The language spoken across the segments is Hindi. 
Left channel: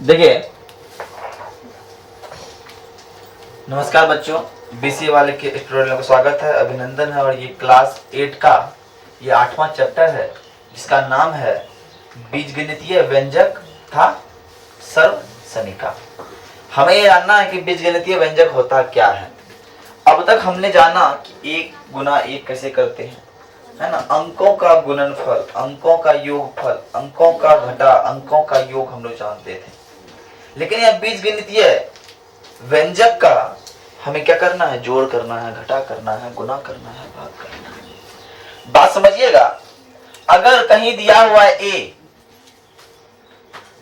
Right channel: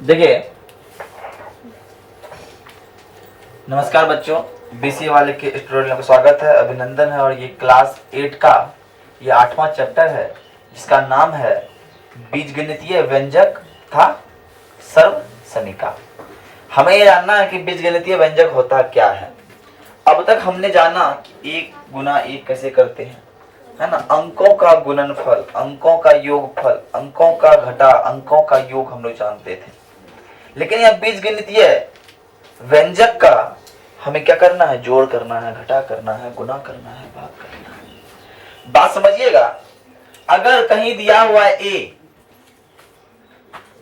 देखिए, नमस्कार बच्चों, बीसीए वाले के स्टूडेंट को स्वागत है, अभिनंदन है। और ये क्लास 8 का ये 8वां चैप्टर है जिसका नाम है बीजगणितीय व्यंजक तथा सर्व समीका। हमें ये जानना है कि बीजगणितीय व्यंजक होता क्या है। अब तक हमने जाना कि 1 गुना 1 कैसे करते हैं, है ना। अंकों का गुणनफल, अंकों का योगफल, अंकों का घटा, अंकों का योग हम लोग जानते थे। लेकिन यह बीजगणितीय व्यंजक का हमें क्या करना है? जोड़ करना है, घटा करना है, गुना करना है, भाग करना है। बात समझिएगा। अगर कहीं दिया हुआ ए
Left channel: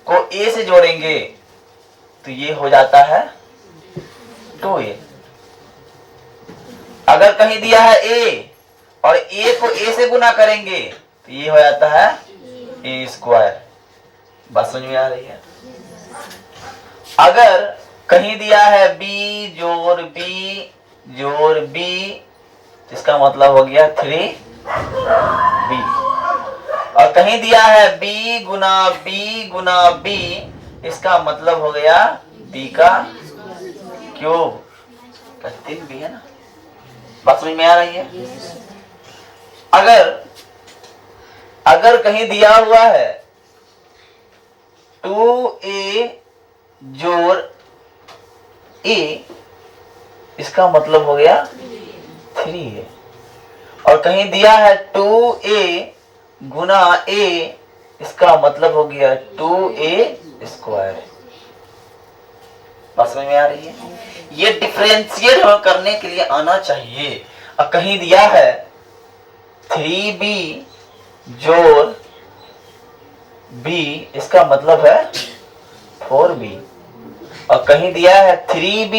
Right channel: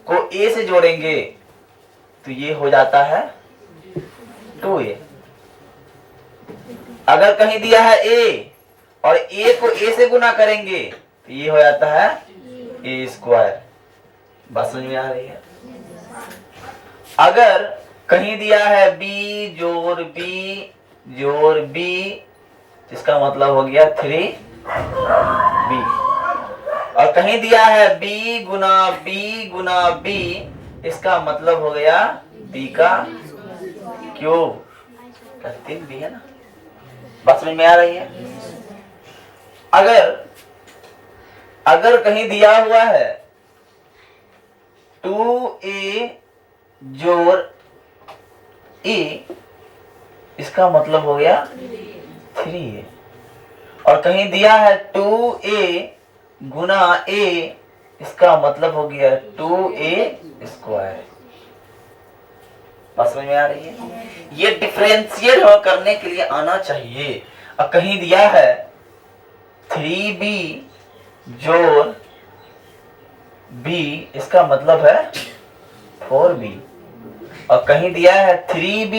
को ए से जोड़ेंगे तो ये हो जाता है 2a। अगर कहीं दिया है ए और ए को ए से गुना करेंगे तो ये हो जाता है a²। बात समझ में आ रही है? अगर कहीं दिया है b जोड़ b जोड़ b, जिसका मतलब हो गया 3b। और कहीं दिया है b गुना b, इसका मतलब हो गया b का क्यूब। 3b है ना। बात समझ में आ रही है? अगर कहीं दिया हुआ है 2a जोड़ a, इसका मतलब हो गया 3a। और कहीं दिया है 2a गुना a, इसका मतलब हो गया 2a²। बात समझ में आ रही है? ये डिफरेंशिएट करने के लिए आना चाहिए। और कहीं दिया है 3b जोड़ b, इसका मतलब है 4b। और कहीं दिया है 3b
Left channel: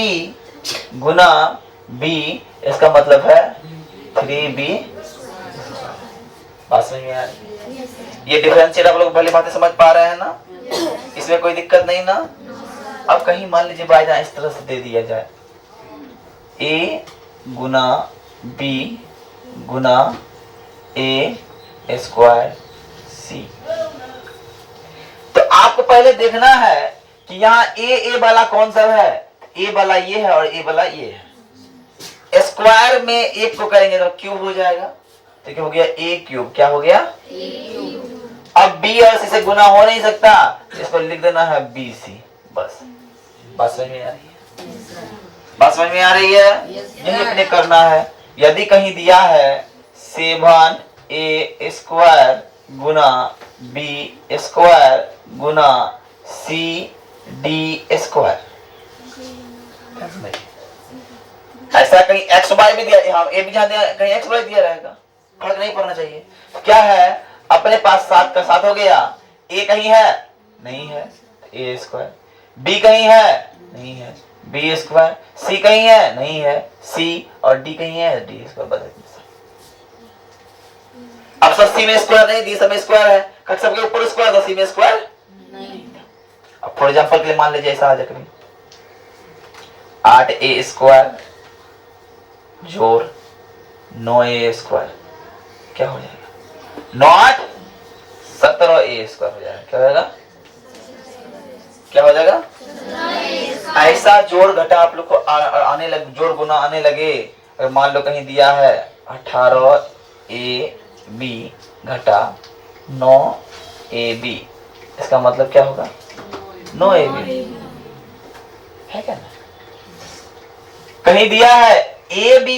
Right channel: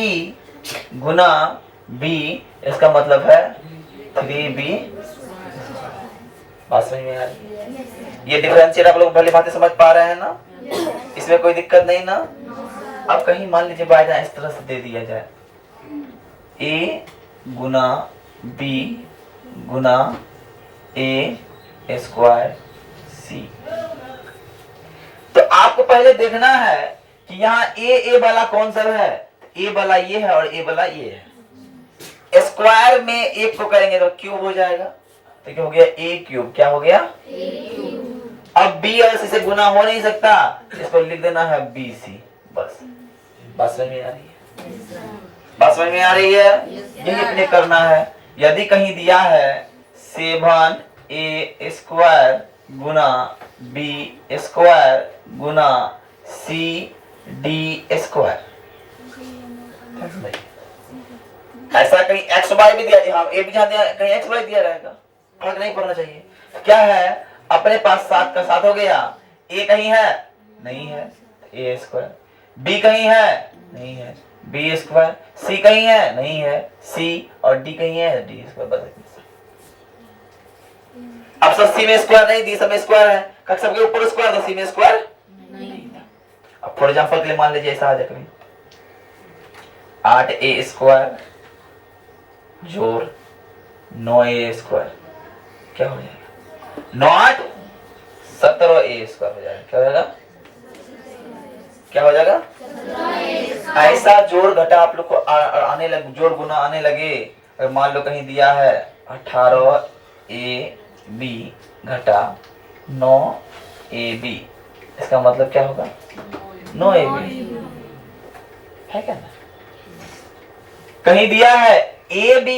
गुना b, इसका मतलब है 3b। बात समझ में आ रही है? ये डिफरेंशिएट आप लोग भली भांति समझ पा रहे हैं ना? इसमें कोई दिक्कत नहीं ना? अब कहीं मान लीजिए बाय चांस इस तरह से दे दिया जाए a Guna b Guna a² c, तो आपको पहले देखना है कि यहाँ ए वाला कौन सा है। ए वाला ये है और ए वाला ये है। स्क्वायर में एक को करेंगे तो क्यूब हो जाएगा, तो क्या हो गया? a³। क्या हो गया? अब b और c से गुना हो नहीं सकता, इसको लिख देना है bc। बस। बात समझ में आ रही है? बात समझ में आ रही है? यही अपने करना है। यदि कहीं दिया है 7a² गुना b² गुना cd², ऐसा कहीं xy भी दिया, हाँ ए भी जहां दिया, कहीं xy दिया रहेगा, फर्क नहीं पड़ना चाहिए। क्या है? अपने पास 7 का 7 हो गया। a कहीं है? नहीं है, a²। b कहीं है? नहीं है, b²। c कहीं है? नहीं है, c। और d कहीं है? d²। अब सब सी में स्क्वायर नहीं, डी सब में स्क्वायर है। सबके ऊपर स्क्वायर था, सी में स्क्वायर नहीं। अब फॉर एग्जांपल के लिए मान लीजिए ऐसा आ जाए 8a² जोड़ 9a², क्या हो जाएगा? 9 17a² हो जाएगा। क्या हो जाएगा? क्या हो जाएगा? ऐसा जोड़ घटा आप लोग को आने लगे, जोड़ गुना आने लगे। अगर मान लो कहीं दिया है 18ab घटा 9ab, इसका मतलब क्या होगा? 9ab है क्या ना? कहीं दिया है ab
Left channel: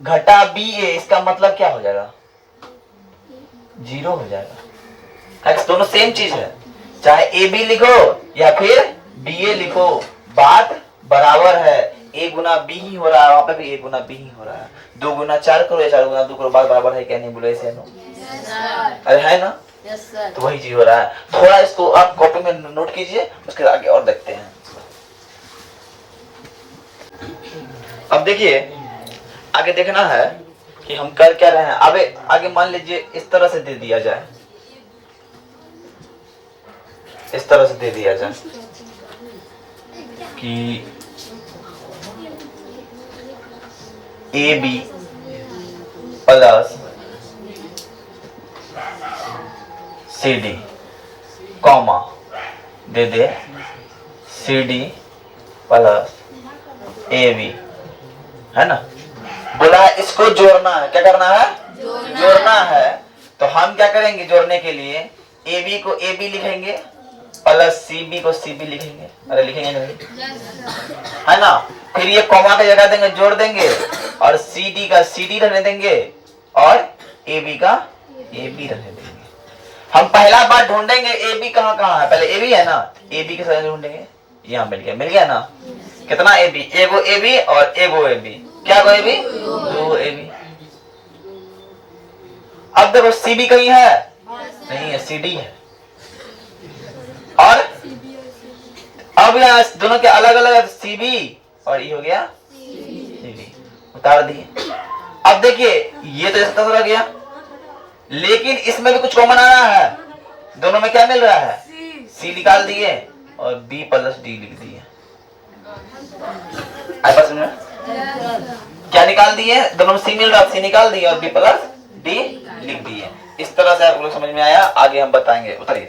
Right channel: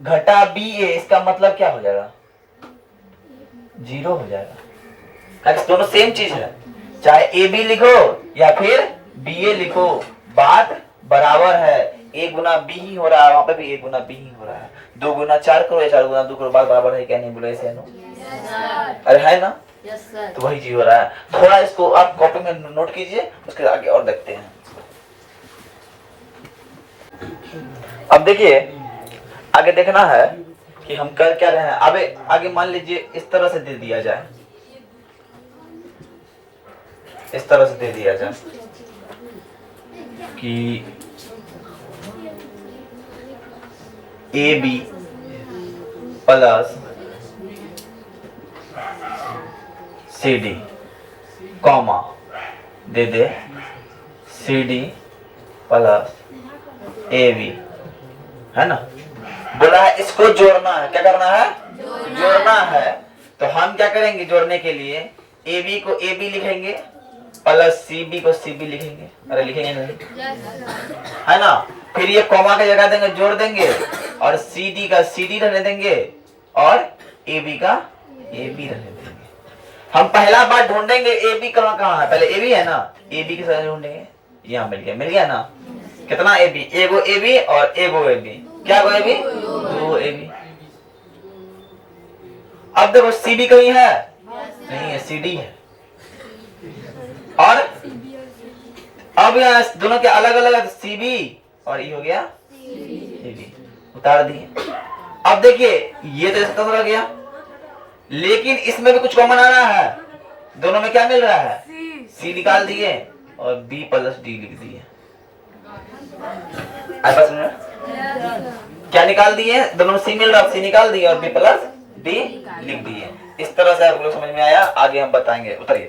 घटा ba, इसका मतलब क्या हो जाएगा? 0 हो जाएगा। दोनों सेम चीज है, चाहे ab लिखो या फिर ba लिखो, बात बराबर है। a गुना b ही हो रहा है, वहां पे भी a गुना b ही हो रहा है। 2 गुना 4 करो या 4 गुना 2 करो, बात बराबर है क्या? नहीं बोले ऐसे नो? अरे है ना? तो वही चीज हो रहा है। थोड़ा इसको आप कॉपी में नोट कीजिए, उसके आगे और देखते हैं। अब देखिए, आगे देखना है कि हम कर क्या रहे हैं। अब आगे मान लीजिए इस तरह से दे दिया जाए, इस तरह से दे दिया जाए कि ab प्लस cd कॉमा दे दे CD प्लस AB, है ना। बोला है इसको जोड़ना है, क्या करना है, जोड़ना है। तो हम क्या करेंगे जोड़ने के लिए, AB को AB लिखेंगे प्लस CB को CB लिखेंगे। अरे लिखेंगे नहीं, है ना। फिर ये कॉमा का जगह देंगे, जोड़ देंगे, और CD का CD रहने देंगे और AB का AB रहने देंगे। हम पहला बार ढूंढेंगे AB कहाँ कहाँ है, पहले AB है ना, AB के साथ ढूंढेंगे। यहाँ मिल गया ना। कितना AB, एगो AB और एगो AB, क्या गो AB, दो AB। अब देखो CB कहीं है, नहीं है, CD है। और अब यहाँ दोनों के अलग अलग CB और ये हो गया CB, उतार दिए। अब देखिए ये तो ऐसा रह गया, लेकिन इसमें भी कुछ कॉमन आ रहा है। दोनों में क्या मिल रहा है, C निकाल दिए और B प्लस D लिख दिए। आपस में क्या निकाल दिए, दोनों में C मिल रहा है, C निकाल दिए और B प्लस D लिख दिए। इस तरह से आप लोग समझ में आया, आगे हम बताएंगे। उतारिए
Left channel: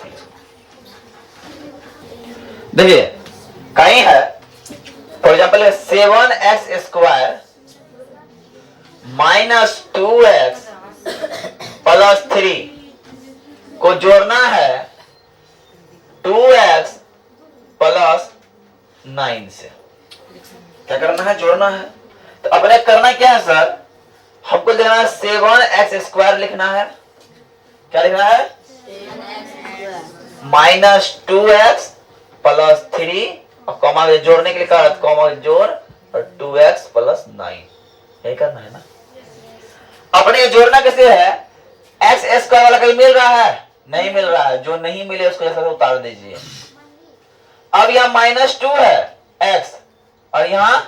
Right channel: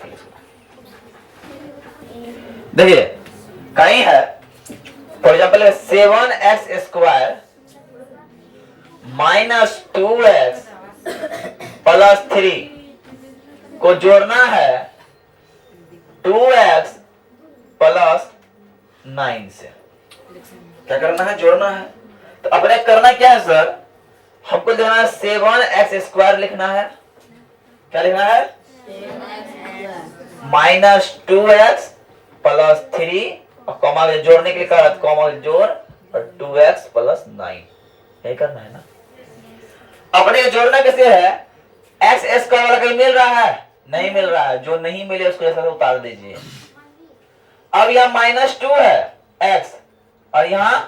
देखिए, कहीं है for example 7x² minus 2x plus 3 को जोड़ना है 2x प्लस 9 से। क्या करना है, जोड़ना है। तो अपने करना क्या है सर, हमको लिखना है 7x² लिखना है। क्या लिखना है, माइनस 2x प्लस 3 और कॉमा जोड़ने के लिए कहा कॉमा जोड़ और 2x प्लस 9, यही करना है ना। अपने जोड़ना कैसे है, x² वाला कहीं मिल रहा है, नहीं मिल रहा है। जो नहीं मिले उसको ऐसा उतार दीजिए। अब यहाँ माइनस 2 है x और यहाँ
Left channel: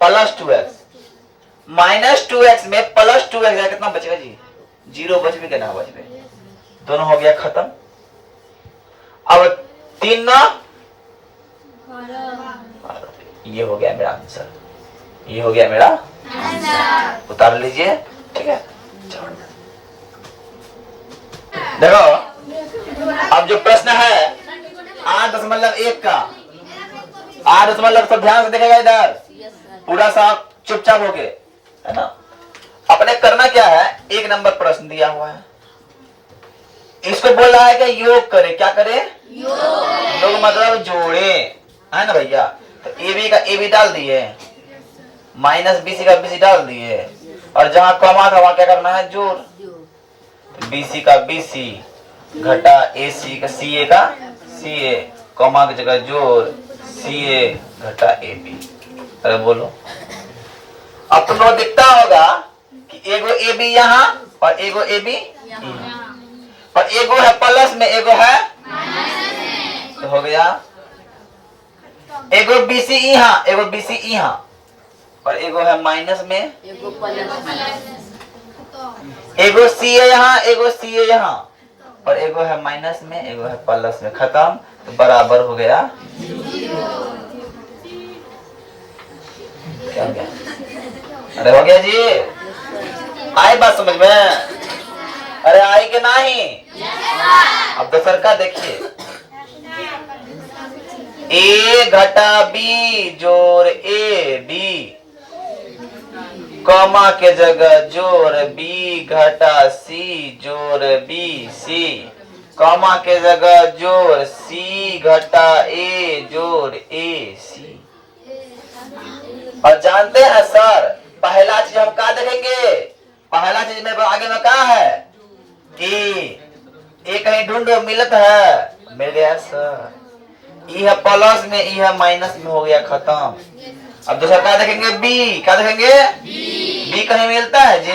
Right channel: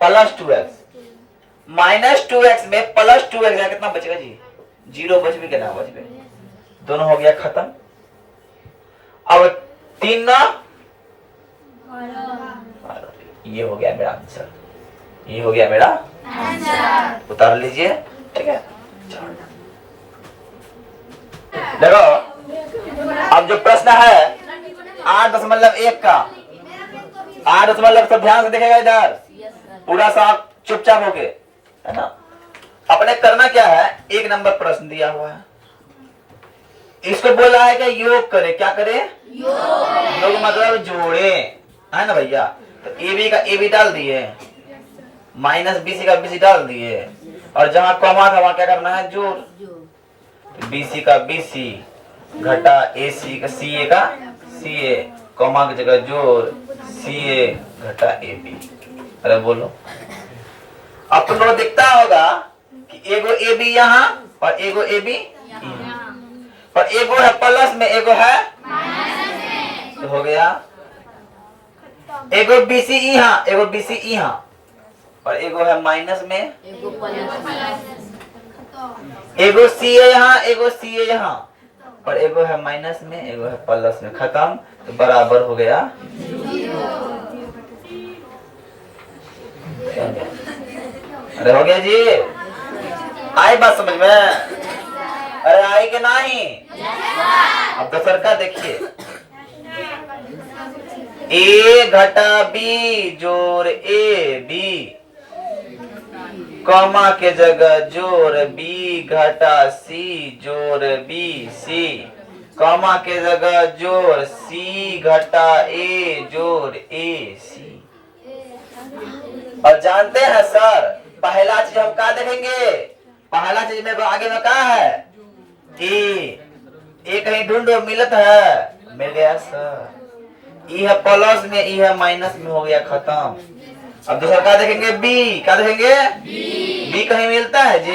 प्लस 2x, माइनस 2x में प्लस 2x कितना बचेगा जी, 0 बच भी कितना बच गए, दोनों हो गया खत्म। अब 3 ना, ये हो गया मेरा आंसर, ये हो गया मेरा आंसर, उतार लीजिए। ठीक है, देखो अब जो प्रश्न है 8.1 का, 8.1 सब ध्यान से देखेगा इधर, पूरा सा चुपचाप होके, है ना। अपने करना क्या है, 1 नंबर प्रश्न दिया हुआ है, इसको बोल रहा है कि योग करे। क्या करे, योग मतलब जोड़े, है ना भैया। तो AB का AB डाल दिए, माइनस BC का BC डाल दिए, और जहां कॉमा था वहां क्या करना है, जोड़। BC का BC घटा AC का CA का CA, कॉमा की जगह जोड़ CA घटा AB। अरे बोलो, अपनो दिखता होगा कि एगो AB यहाँ और एगो AB यहाँ, और एगो है प्लस में एगो है माइनस में, हो गया। एगो BC यहाँ, एगो BC यहाँ, और एगो है माइनस में, एगो CA यहाँ, एगो CA यहाँ, और एगो है माइनस में, एगो है प्लस में, खत्म। तो बराबर हो गया। अरे हो गया जी, आई बात समझ में, अरे आई के नहीं। अब दूसर का देखिए, A घटा B जोड़ AB, कॉमा के जगह जोड़ B घटा C जोड़ BC, कॉमा के जगह जोड़ C घटा A जोड़ AC। और जानते हैं सर, पहला चीज हम क्या देखेंगे, पहला चीज में आगे में क्या है, ए कहीं ढूंढो, मिलत है, मिल गया सर। ई है प्लस में, ई है माइनस में, हो गया खत्म। अब दूसरा क्या देखेंगे, बी। क्या देखेंगे, बी कहीं मिलता है जी,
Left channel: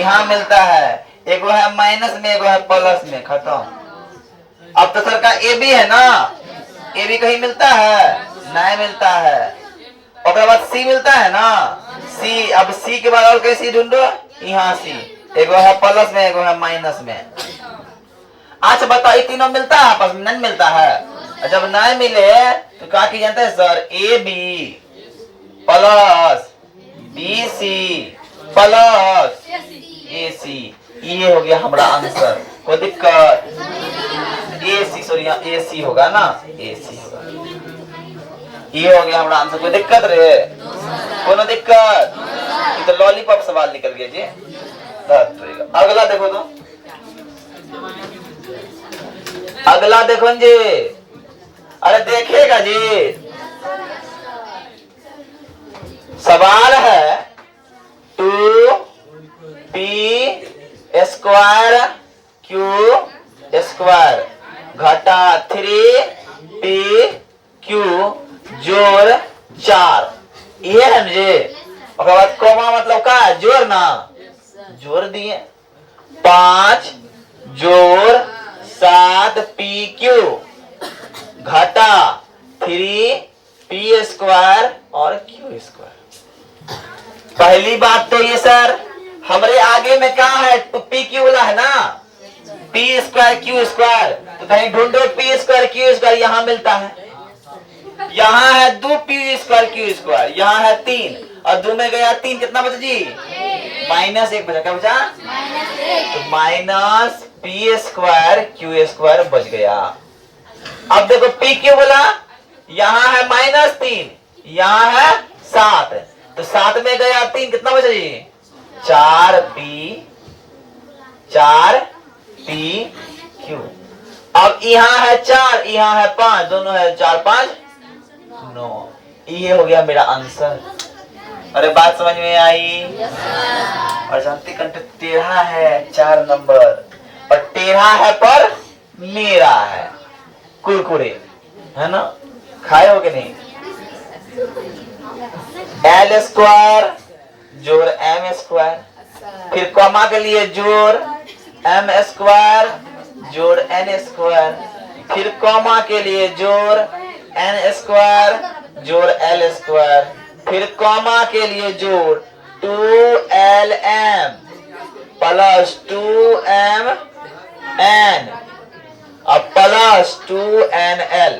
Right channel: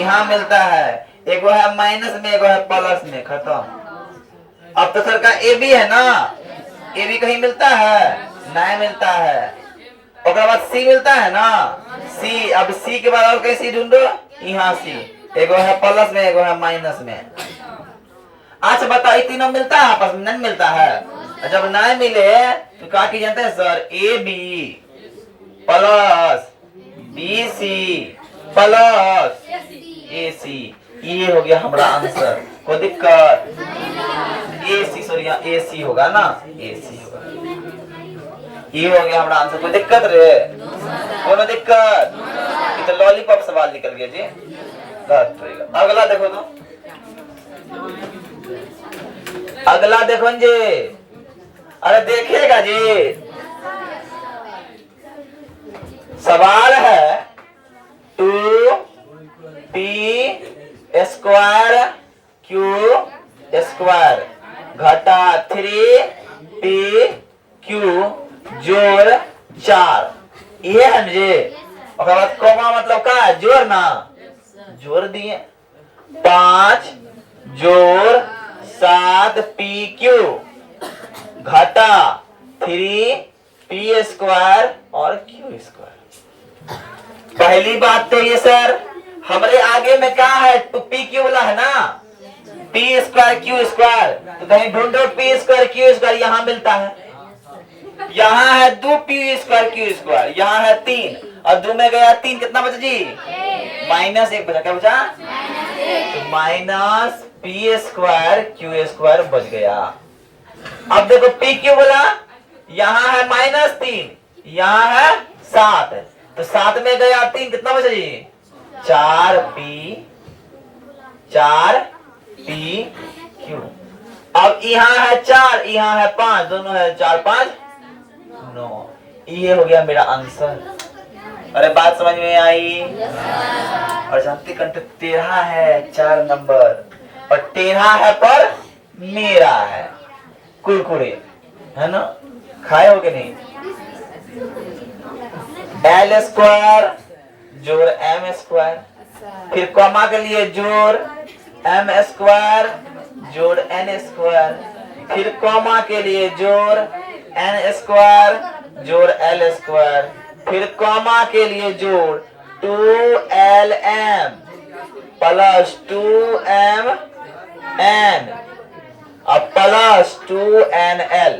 यहाँ मिलता है, एगो है माइनस में, एगो है प्लस में, खत्म। अब दूसरा का ए बी है ना, ए बी कहीं मिलता है, नहीं मिलता है। और बाद सी मिलता है ना, सी। अब सी के बाद और कहीं सी ढूंढो, यहाँ सी, एगो है प्लस में, एगो है माइनस में। अच्छा बताओ, ये तीनों मिलता है आपस में, नहीं मिलता है। जब नहीं मिले तो क्या की जानते हैं sir, A B plus B C plus A C, ये हो गया हमारा आंसर। कोई दिक्कत? ए सी, सॉरी यहाँ ए सी होगा ना, ए सी होगा। ये हो गया हमारा आंसर। कोई दिक्कत रे? कोनो दिक्कत? ये तो लॉलीपॉप सवाल निकल गया जी। अगला देखो तो, अगला देखो जी। अरे देखेगा जी, सवाल है 2p² q² घटा 3pq जोड़ 4, ये है जी। और बाद कोमा मतलब का जोड़ ना, जोड़ दिए 5 जोड़ 7pq घटा 3p² और q²। पहली बात तो ये सर, हमारे आगे में क्या है? तो pq वाला है ना, p² q², तो कहीं ढूंढो p² q², यहाँ मिलता है। यहाँ है 2p² q², यहाँ है 3, और 2 में गया 3, कितना बचा जी? -1 बचा। क्या बचा? तो -p² q² बच गया। अब देखो pq बोला, यहाँ है -3, यहाँ है 7, तो 7 में गया 3, कितना बचा जी? 4pq। अब यहाँ है 4, यहाँ है 5, दोनों है 4 5 9। ये हो गया मेरा आंसर। अरे बात समझ में आई? और जानती कंठ टेढ़ा है 4 नंबर, और टेढ़ा है पर मेरा है। कुरकुरे है ना, खाए हो कि नहीं? l² जोड़ m², फिर कॉमा के लिए जोड़ m² जोड़ n², फिर कॉमा के लिए जोड़ n² जोड़ l², फिर कॉमा के लिए जोड़ 2lm प्लस 2mn और प्लस 2nl।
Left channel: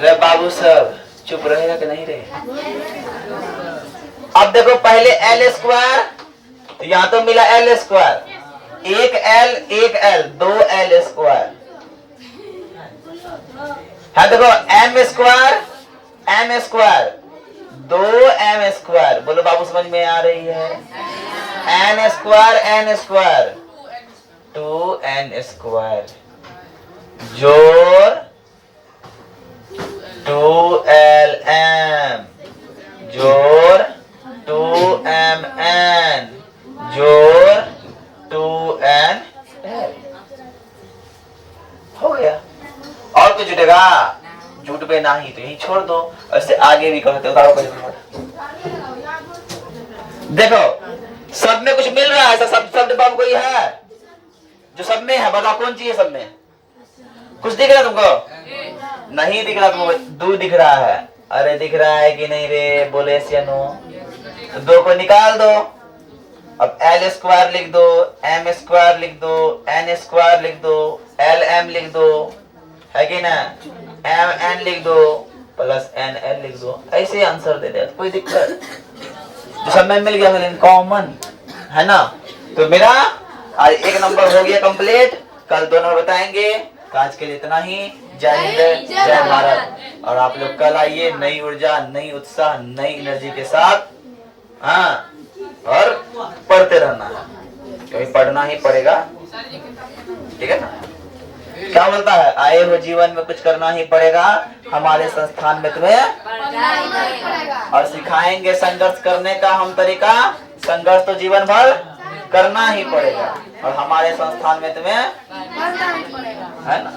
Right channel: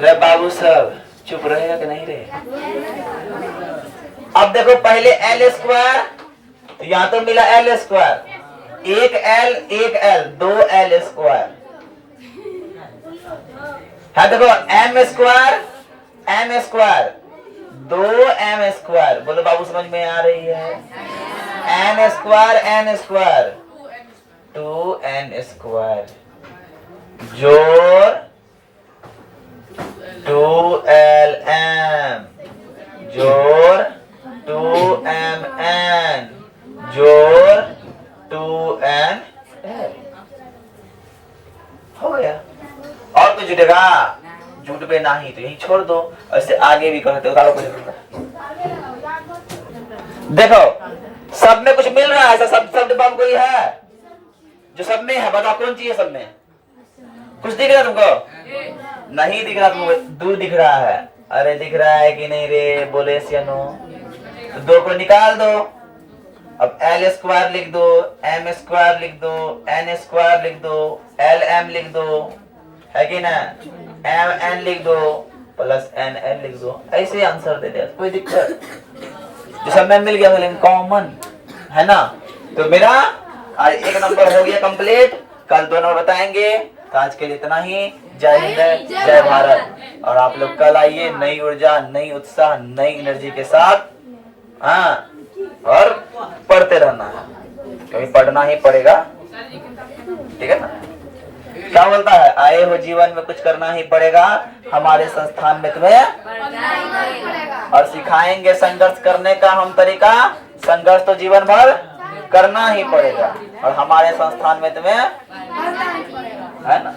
रे बाबू सब चुप रहेगा कि नहीं रहे? अब देखो पहले l², तो यहाँ तो मिला l², एक l 2l²। हाँ देखो m² 2m², बोलो बाबू समझ में आ रही है? n² 2n² जोड़ 2lm जोड़ 2mn जोड़ 2nl हो गया। और कुछ जुटेगा? जुट पे नहीं तो यही छोड़ दो, ऐसे आगे भी कर सकते हो। देखो सब में कुछ मिल रहा है, सब बाबू कोई है जो सब में है? बताओ कौन चाहिए सब में? कुछ दिख रहा है तुमको? नहीं दिख रहा तुमको? 2 दिख रहा है। अरे दिख रहा है कि नहीं रे? बोले या नो? तो 2 को निकाल दो। अब l² लिख दो, m² लिख दो, n² लिख दो, lm लिख दो, है कि ना? mn लिख दो प्लस nl लिख दो। ऐसे आंसर दे दे, कोई दिक्कत? जो सब में मिल गया, लेकिन कॉमन है ना। तो मेरा आज 1 नंबर हो गया कंप्लीट। कल 2 नंबर बताएंगे। तो आज के लिए इतना ही। जय हिंद, जय भारत। और आप लोग कल आइए नई ऊर्जा, नई उत्साह, नई एनर्जी के साथ। हाँ, और पढ़ते रहना है, क्योंकि पढ़ना ही पड़ेगा, ठीक है ना? क्या बोलता है? आए हो जीवन में कुछ करना ही पड़ेगा, हमारे संस्थान में तुम्हें और सिखाएंगे संघर्ष करने का हम तरीका। संघर्ष तो जीवन भर करना ही पड़ेगा, और हमारे संस्थान में तुम्हें है ना।